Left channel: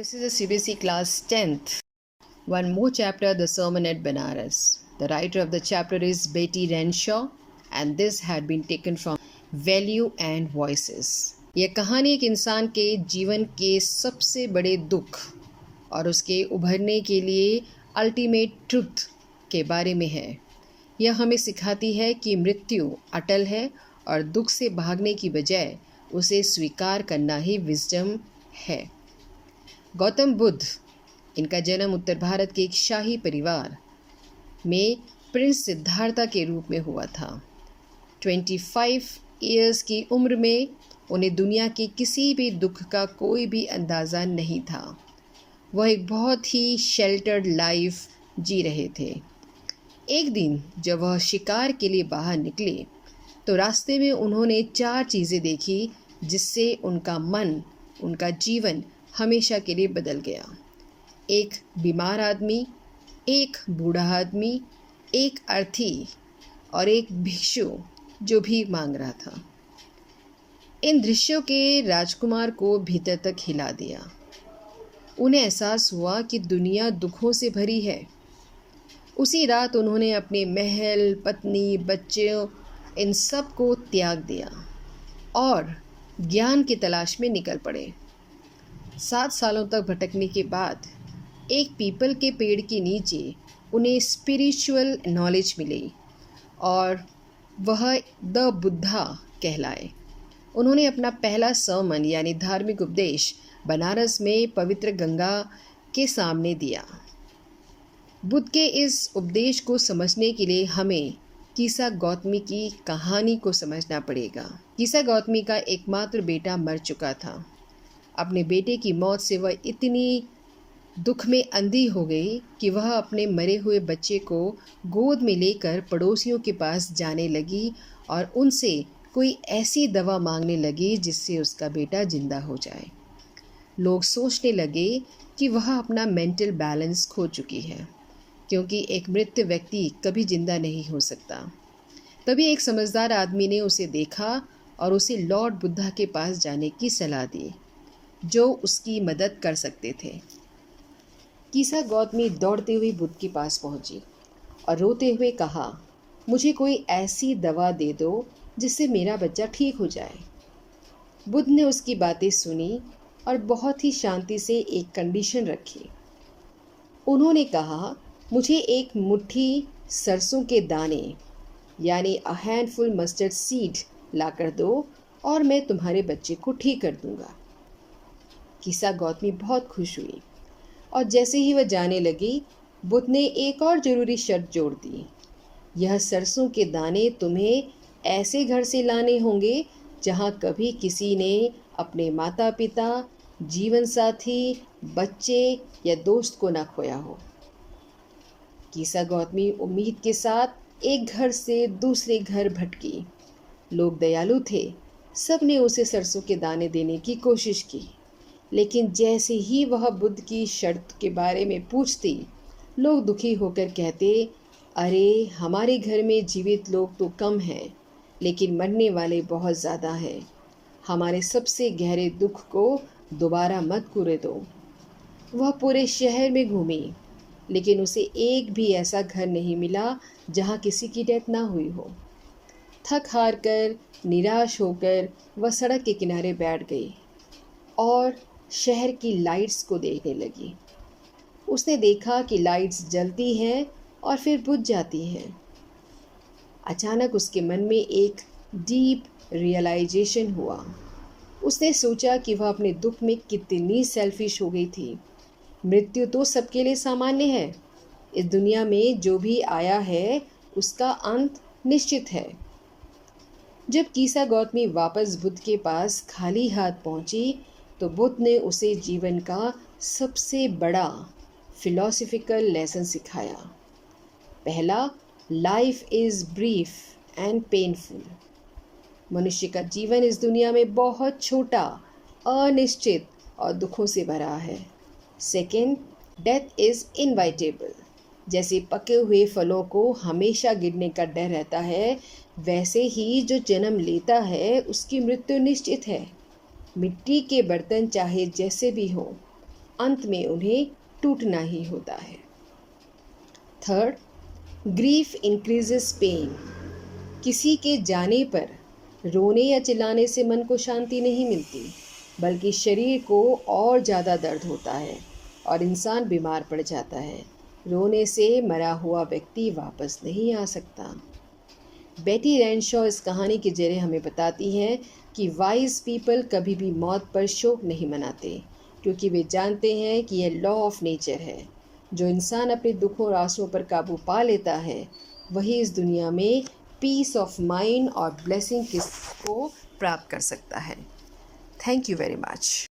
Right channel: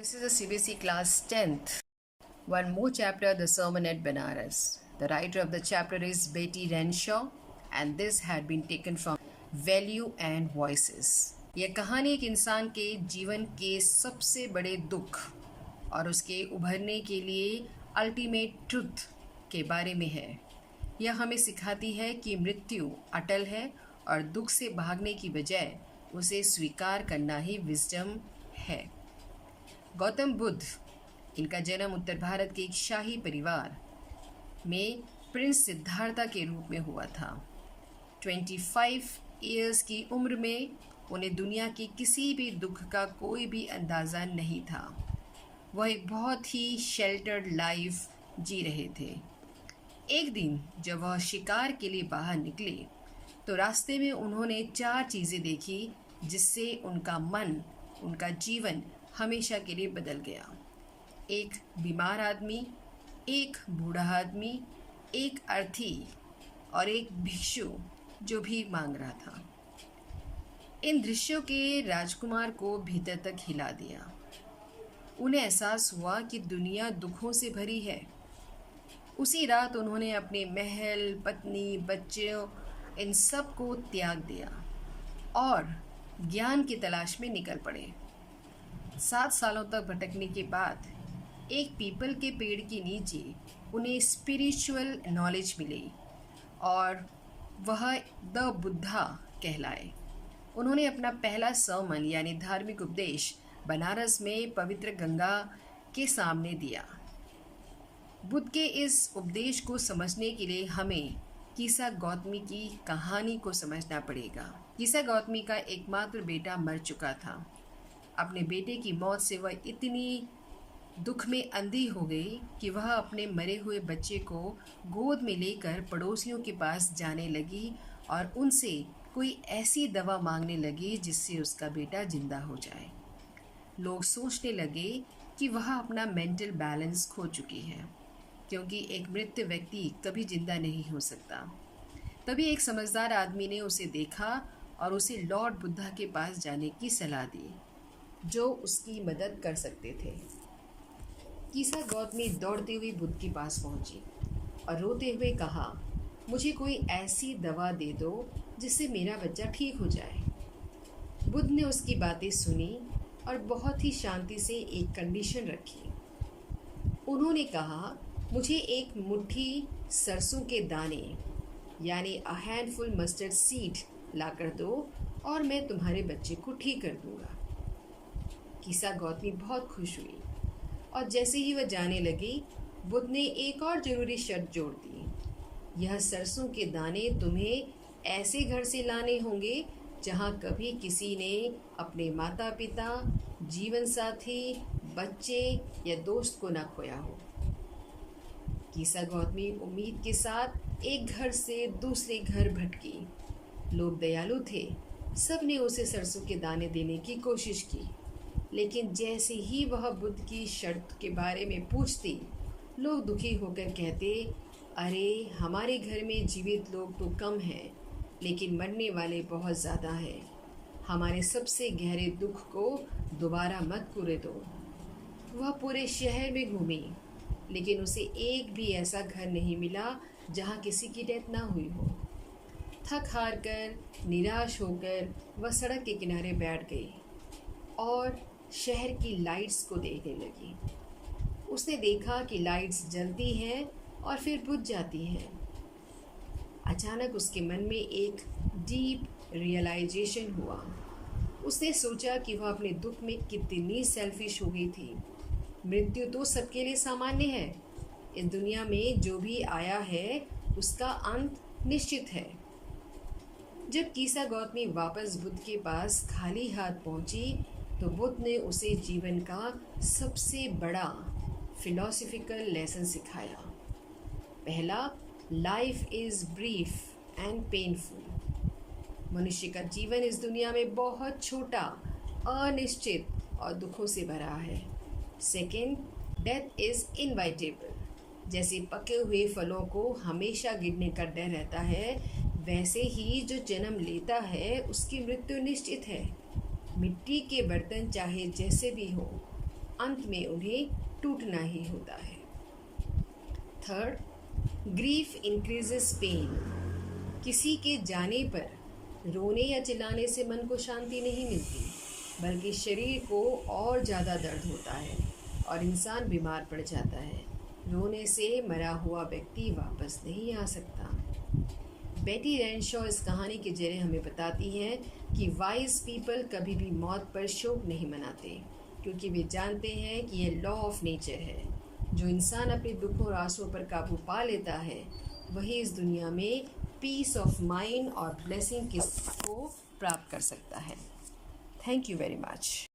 This is a CBSE class 10th. One more chapter, The Sermon at Banaras. The writer of the chapter is Betty Renshaw and this had been taken from Value and Voices. यह कहानी एक इंसान के जीवन के सबसे बड़े दुख और उसके उभरने के लिए अल्टीमेट ट्रुथ के बारे में है। यह हमें सिखाती है कि मृत्यु अटल है और दुख से भागने की बजाय उसे स्वीकार करना ही विजडम है। गौतम बुद्ध, इनका जन्म उत्तर भारत के एक शाही परिवार में प्रिंस सिद्धार्था के रूप में हुआ था। 25 इयर्स की उम्र में उन्हें दुनिया के किसी भी दुख का कोई भी अंदाज़ा नहीं था। वह एक बहुत ही शेल्टर्ड लाइफ जी रहे थे। एक दिन जब वह शिकार के लिए बाहर निकले तो रास्ते में उन्होंने 4 चीज़ें देखी जिससे उनका मन, उनका जीवन हमेशा के लिए बदल गया। एक बीमार आदमी, एक बूढ़ा आदमी, एक अर्थी और एक भिक्षु जो भीख मांग रहा था। इन दृश्यों के राजकुमार को भीतर तक हिला दिया। उन्हें एहसास हुआ कि दुनिया दुखों से भरी है। उसी रात उन्होंने अपने महल, पत्नी, बच्चों इन सब को त्याग दिया और ज्ञान की तलाश में निकल पड़े। 7 सालों तक भटकने के बाद एक पीपल के पेड़ के नीचे उन्हें स्पिरिचुअल नॉलेज मिली और वह द बुद्धा कहलाए। उन्होंने अपना पहला सर्मन यानी धार्मिक उपदेश बनारस में पवित्र गंगा के सामने दिया। बुद्ध के इस उपदेश को समझने के लिए हमें कीसा गौतमी की कहानी को समझना पड़ेगा। कीसा गौतमी का एकमात्र बेटा मर चुका था। अपने बेटे की मौत से वह इतनी दुख में अंधी हो गई कि वह अपने मरे हुए बच्चे को गोद में लेकर पड़ोसियों के पास जाने लगी और उनसे कोई ऐसी दवा मांगने लगी जिससे उसका बेटा जिंदा हो जाए। लोग सोचने लगे कि वह अपना मेंटल बैलेंस खो चुकी है क्योंकि एक मृत व्यक्ति कभी जिंदा नहीं हो सकता। तभी एक समझदार आदमी ने उसे देखा और उसे लॉर्ड बुद्धा के पास जाने की सलाह दी जो उसकी मदद कर सकते थे। कीसा गौतमी दौड़ते हुए बुद्ध के पास पहुंची और रोते हुए कहा, मुझे कोई ऐसी दवा दे दो जिससे मेरा बच्चा ठीक हो जाए। बुद्ध ने उसकी बातें सुनी और बहुत ही शांति से एक कंडीशन रखी। उन्होंने कहा, मुझे एक मुट्ठी सरसों के दाने यानी अ हैंडफुल मस्टर्ड सीड लाकर दो और मैं तुम्हारे बच्चे को ठीक कर दूंगा। कीसा गौतमी बहुत खुश हुई और जैसे ही वह जाने लगी, बुद्ध ने एक और ज़रूरी शर्त जोड़ दी। यह सरसों के दाने तुम्हें ऐसे घर से लाने होंगे जहाँ कभी किसी ने अपने माता पिता, जीवन साथी, बच्चे या दोस्त को न खोया हो। कीसा गौतमी उम्मीद के साथ एक घर से दूसरे घर भटकी। लोग दयालु थे, सब ने उसे सरसों के दाने देने की कोशिश की, लेकिन जैसे ही वह बुद्ध की शर्त के बारे में पूछती, लोग दुखी होकर कहते, अरे हमारे घर में जीवित लोग तो कम हैं लेकिन मरने वाले बहुत ज़्यादा हैं। हमारे सबसे गहरे दुख को दोबारा मत पूरे दो। वह पूरे शहर में घूमी लेकिन उसे एक भी ऐसा घर नहीं मिला जहाँ किसी की डेथ ना हुई हो। थक हार कर, निराश होकर वह सड़क के किनारे बैठ गई और शहर की लाइट्स को देखने लगी। उसने देखा कि लाइट्स जलती हैं और फिर बुझ जाती हैं। अचानक उसके मन में एक डीप रियलाइजेशन हुआ। उसने सोचा कि वह अपने दुख में कितनी सेल्फिश हो गई थी। मृत्यु तो सबके लिए सामान्य है। इस दुनिया में जो भी आया है उसका अंत निश्चित है। जब कीसा गौतमी वापस बुद्ध के पास खाली हाथ पहुंची तो बुद्ध ने उसे जीवन का सबसे बड़ा फिलॉसफिकल लेसन सिखाया। पहला, life is brief and painful. मनुष्य का जीवन इस दुनिया में बहुत छोटा, अनिश्चित और दुखों से भरा है। Second, death is inevitable. जैसे पके हुए फलों को हमेशा गिरने का डर रहता है, वैसे ही जो जन्म लेता है उसकी मृत्यु निश्चित है। मिट्टी के बर्तन चाहे जैसे भी हों, अंत में उन्हें टूटना ही होता है। Third, grief increases pain. किसी के जाने पर रोने या चिल्लाने से मन को शांति नहीं मिलती, बल्कि शरीर को और ज़्यादा दर्द होता है और इंसान बीमार पड़ जाता है। रोने से मरा हुआ व्यक्ति वापस नहीं आ सकता। बेटी रेनशॉ इस कहानी के जरिए हमें बताती है कि वाइज पीपल कभी भी मौत पर शोक नहीं मनाते, क्योंकि वे जानते हैं कि यह लॉ ऑफ नेचर है। जो इंसान अपने दुखों और आंसुओं पर काबू पा लेता है, वही इस दुनिया में पीस ऑफ माइंड और ब्लेसिंग को प्राप्त कर सकता है। Thank you very much.